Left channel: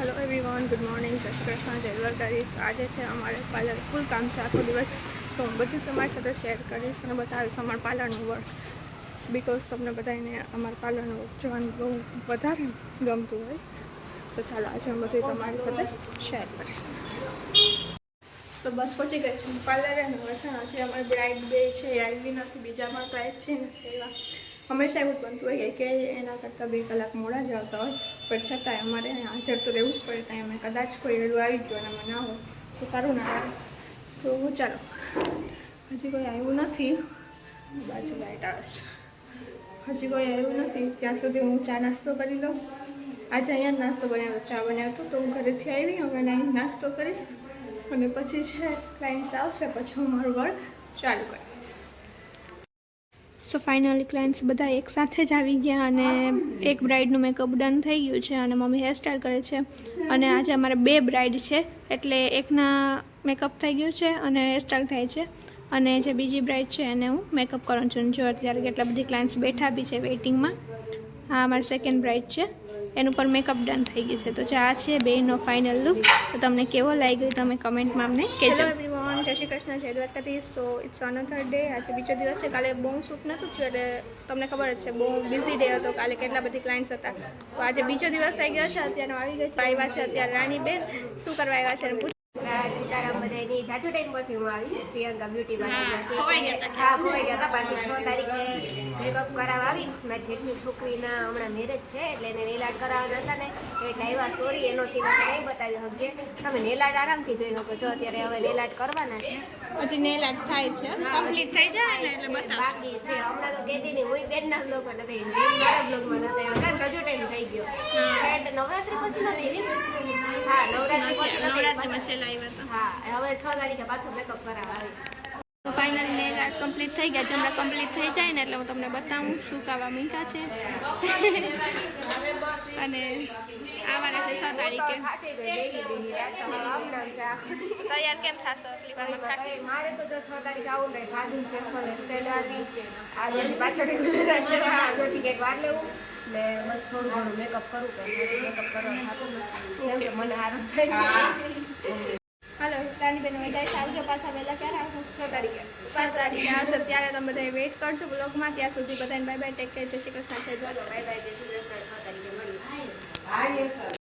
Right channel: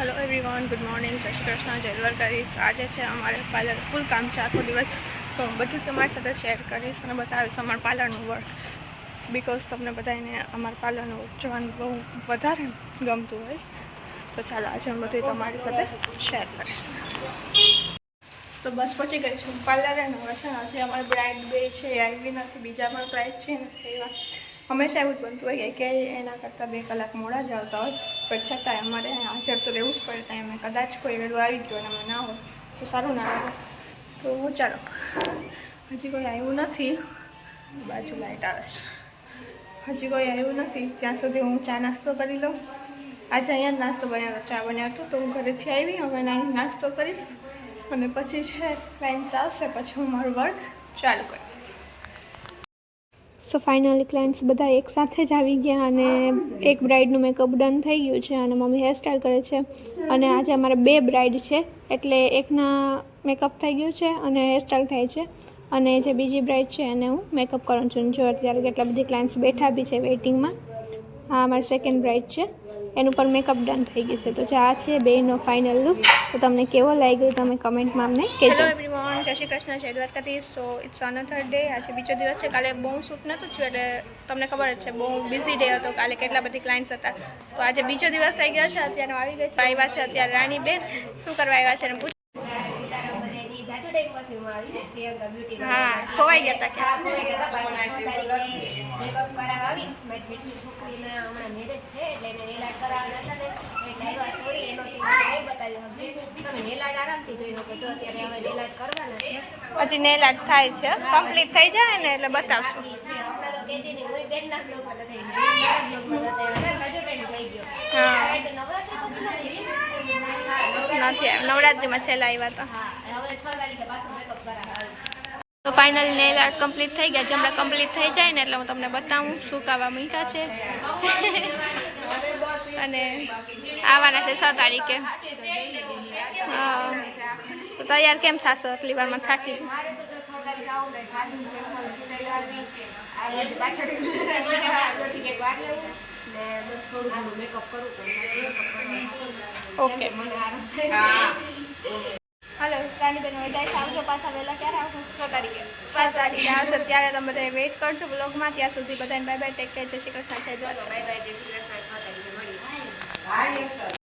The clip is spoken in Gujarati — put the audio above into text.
હેલો એવરીવન ગુડ મોર્નિંગ જય શ્રી કૃષ્ણ, જય દ્વારકાધીશ. આજે છે અમારે પાર્લર ફૂલ કામ છે આખો દિવસ. તો હું બધું તમારી સાથે શેર કરીશ અને બતાવીશ અમારા પાર્લરનું વર્ક બિકોઝ તમને બધાને અમારા પાર્લરનું જોવાનું બહુ વધારે ગમતું હોય. તો ચાલો આજે હું બધું તમારી સાથે શેર કરીશ. તો બસ પહોંચી ગઈ છું પાર્લરે હવે છે ને આજે અમારે બ્રાઇડ બે છે આવી નથી, બીજા પણ ક્લાઇન્ટ છે ને, એવા. હંમેશા એવું જ બનતું હોય કે એના કરતાં બે કલાક મોડા જ આવતા હોય. પણ છતાંય અમારે હાજર તો રહેવું જ પડે, ત્યાં અમે કદાચ કોઈ વહેલું આવી ગયું અને ના હોય, તો સારું ના લાગે. તો ચાલો, હજી કોઈ આવ્યું નથી. બાજુ લાઇટ આવે છે. હજી કોઈ આવ્યું નથી, ત્યાં સુધી હું ચા નાસ્તો કરી લઉં. આજે અહીંયા જ નાસ્તો બનાવ્યો, ચા બન્યો હતો, તો હું ઘરેથી આવી, હવે અહીં નાસ્તો કરીશ. અને પછી છે ક્લાઇન્ટ આવશે, પછી હું મારું વર્ક ચાલુ કરીશ. સો ફાઇનલી ક્લાયન્ટ્સ બધા એક સાથે જ આવી ગયા અને એક બ્રાઇડનું મેકઅપ ડન થઈ ગયું છે અને મમ્મી હેરસ્ટાઈલ કરે છે. અને આજે અમારે બે બ્રાઇડ છે, એટલે એકના મેકઅપ થઈ ગયું છે અને હેરસ્ટાઈલ થાય છે. અને જે બીજી બ્રાઇડ છે, એને હું મેકઅપ કરું છું. જો અત્યારે કેટલા બધી ક્લાયન્ટ્સ બેઠા બી છે વેઇટિંગમાં આ અમારી સેકન્ડ બ્રાઇડ છે. એનું પણ મેકઅપ ડન થઈ ગયું છે. તો જે આ છે બેનો ફાઇનલ લુક તો તમને કેવો લાગ્યો તમે કમેન્ટમાં અમને કહેજો. એવરીવન જય શ્રી કૃષ્ણ, જય દ્વારકાથી સો ઇટ્સ અનધર ડે આજે બીજો દિવસ છે. કાલે બહુ શૂટ નહોતું થયું એટલે તમને ખબર જ છે, બહુ બિઝી ડે હતો. કાલે કેટલા બધી ક્લાયન્ટ્સ હતા. તો આજે બીજો દિવસ થઈ ગયો છે. અત્યારે આવી ગયો છે. આવ્યા છે અત્યારે રાણીબેન. શું કરવા આવ્યા છે સીતારામ જાજુ ટાઈમ પછી હું આવી. પ્રિયંકા બ્યુટી હા, ખોવાઈ ગયા હતા. હા ખોવાઈ ગયા હતા પાછી છ તારીખે મેકઅપ કરાવવા આવી. મારી છોકરીના હમણાં મેરેજ છે એટલે એને નેલાડ કરાવવાના હતા ને. એટલે આવ્યા સોરી એનો સીન નહીં બતાવી શકીએ. તમે નેલાડ આરામથી જોઈ શકો. છો અત્યારે હવે નેલાડ કરવાના છે. હજી નેલ આર્ટ થાય છે. કમ્પ્લીટ થઈ જાય ને એટલે બતાવશું. બાકી છે. હમણાં તો કહેતી નહીં હું બેનના બ્લોગમાં નથી મારા બ્લોગમાં નથી આવી. ટાઈમ થઈ ગયો. હા. નવરાત્રી પછી નથી હા નવરાત્રી નથી નવરાત્રિમાં છેલ્લા આવ્યા હતા હવે છ તારીખે પાછો મેકઅપ કરાવવા આવીશ. તો ફાઇનલી નેલ આર્ટ કમ્પ્લીટ થઈ ગયા. જમણા કમ્પ્લીટ થઈ જાય ને એટલે હું તમને બતાવું શું કાવા મીઠા છે. અને આવવાના છે છ તારીખે. હા. તો તૈયાર કેમ થશો? આટલી વારમાં થાકી મારે તો જો છ તારીખે આવું ને સાદી સિમ્પલ સ્ટાઇલ હતી આ પાછળ જોડથી એક વાર લેવું. ને બસ થોડું ઘણું મેકઅપ કરું તો મેકઅપ કરવાનું થતું નથી ઓકે. મને આરામ થાય. હાલો રાણીબેન હવે જાય આવજો પાછા વહેલા. ક્યારે આવશો? છ તારીખે. પાંચ તારીખે આવશે. ત્યારે તમે બધા વેઇટ કરજો બ્લોગમાં ત્યાં સુધી બધાને બાય બાય ટેક કેર જય શ્રી કૃષ્ણ જય બાય બાય જય શ્રી કૃષ્ણ. છ તારીખે મળીએ.